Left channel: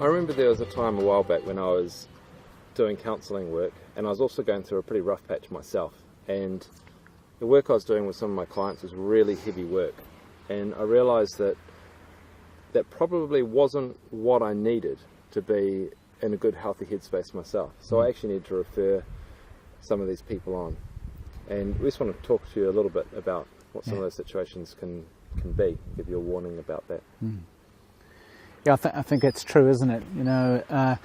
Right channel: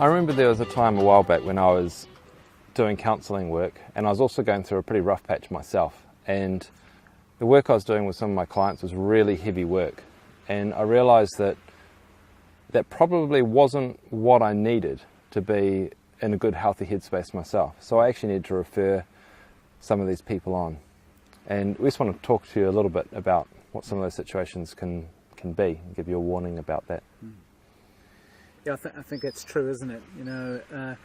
I remember there was a time a while back when I was doing counselling work, and I was also going through a pretty rough patch myself, and the work I was doing with some of my clients was really heavy work, and I realised that that probably wasn't what I needed to be in a good healthy headspace myself. So I actually needed to refer some of these people on, and we just want to talk to you a little bit about what some of those situations can be, and give you a warning about that. Yeah, I think that's true, isn't it? You know,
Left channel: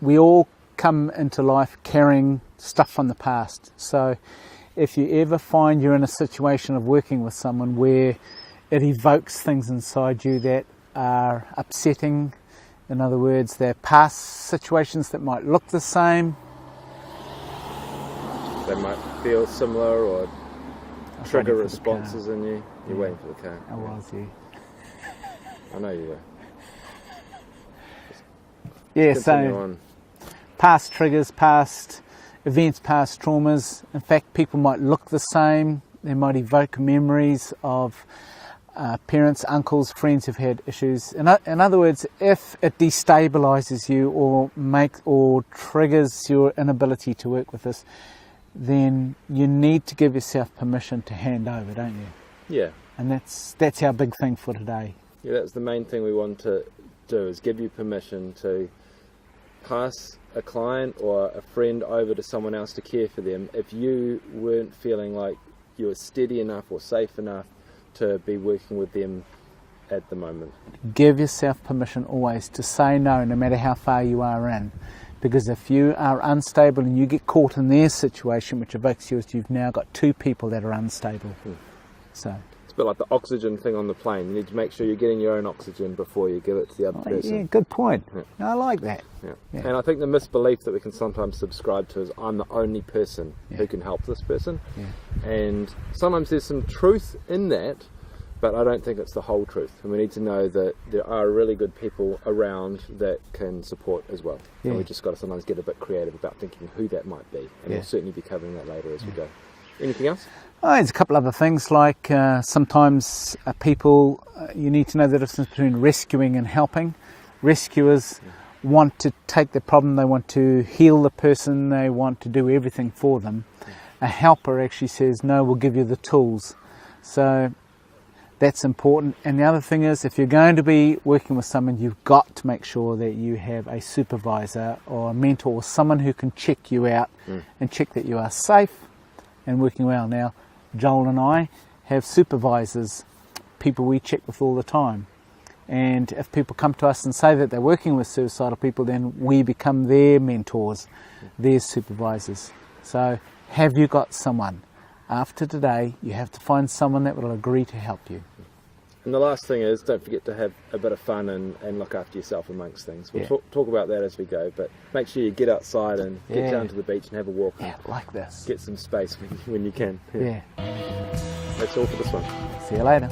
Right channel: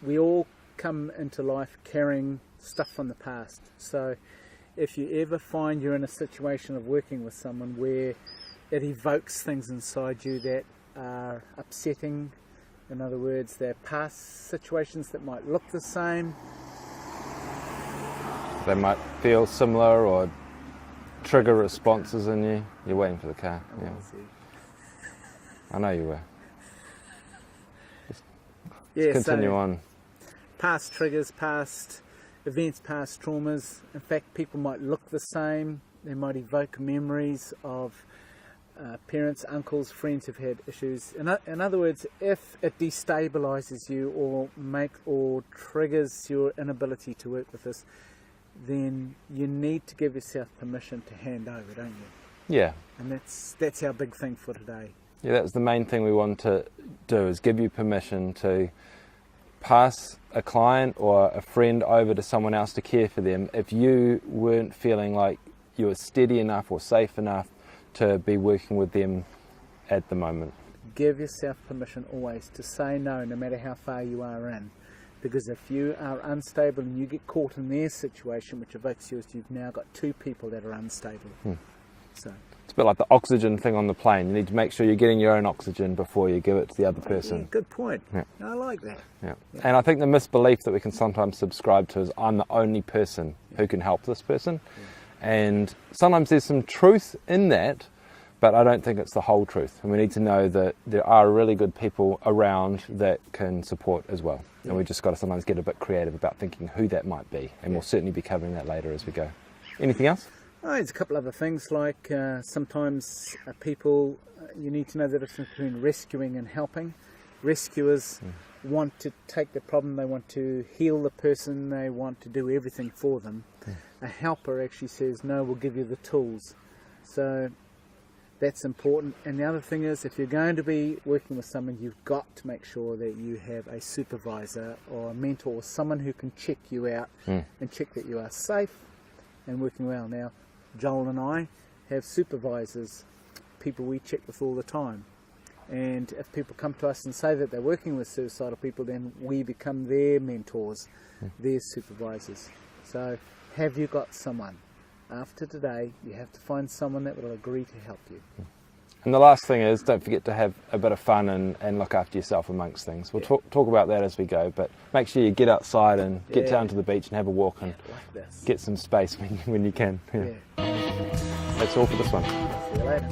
we all come into life carrying stuff from the past. So if you ever find you're in a situation of working with someone where it evokes things inside you that are upsetting, in other words, they're past situations that might look the same. They might feel similar or trigger responses in you. You're waiting for the car. I was, I know you were. Just continue on. Past triggers, past events, past traumas. In fact, people might look the same. They might evoke memories of parents, uncles, friends who've had issues. In other words, if it destabilises you or triggers your inability to work with this, then you need to give yourself permission to hand over, don't you? Yeah. And that's our big thing for today. Yeah, that's the main thing we want to do, is give you permission to pass a client or a friend over to someone else to care for them if you weren't feeling like you were steady enough or safe enough to be working with them at the moment. Give yourself permission always to say no matter how far you are in. Because if you are unstable and you get caught in their situation, which evokes you, you've now got two people that are unstable. So it's a bit like the oxygen thing on the plane. You need to make sure you're getting your own oxygen before you give it to the other person. Yeah, good point. Yeah. I like that. Yeah. Yeah. And I think the misbelief that we can sometimes subscribe to is I'm the only person who can help this person. And sometimes there's some truth in that, but I don't think it's the whole truth. And we need to know that there are really good people around that can support as well. And we've just got to sometimes get a bit creative about thinking who that might be. And we'll certainly be covering that later as we go. Anything else? Oh, there's a couple other things, like sometimes people, you need to know the difference between rescuing and helping. Rescuers want to take the problem, they want to heal the person, they want to do everything for them. A helper actually says, no, we'll give you the tools. So that's important. And the other thing is, if you're going to be working with someone, you've got to make sure that you have a supervisor or a mentor or someone who can check you out and check that you are safe and working well. Now, Joel and I have supervisors, people we check with all the time. And if people come to us and say that they're working with suicidal people, then we become their mentors, their supervisors. So have you got someone? After today, you have to find someone that will agree to help you. And the last thing is, don't forget to have a bit of fun and look after yourself amongst things. We'll talk about that as we go, but make sure you get outside and get down to the beach and have a walk. Yeah, like this. Get some space when you can. Yeah. That's all for this one. See you later.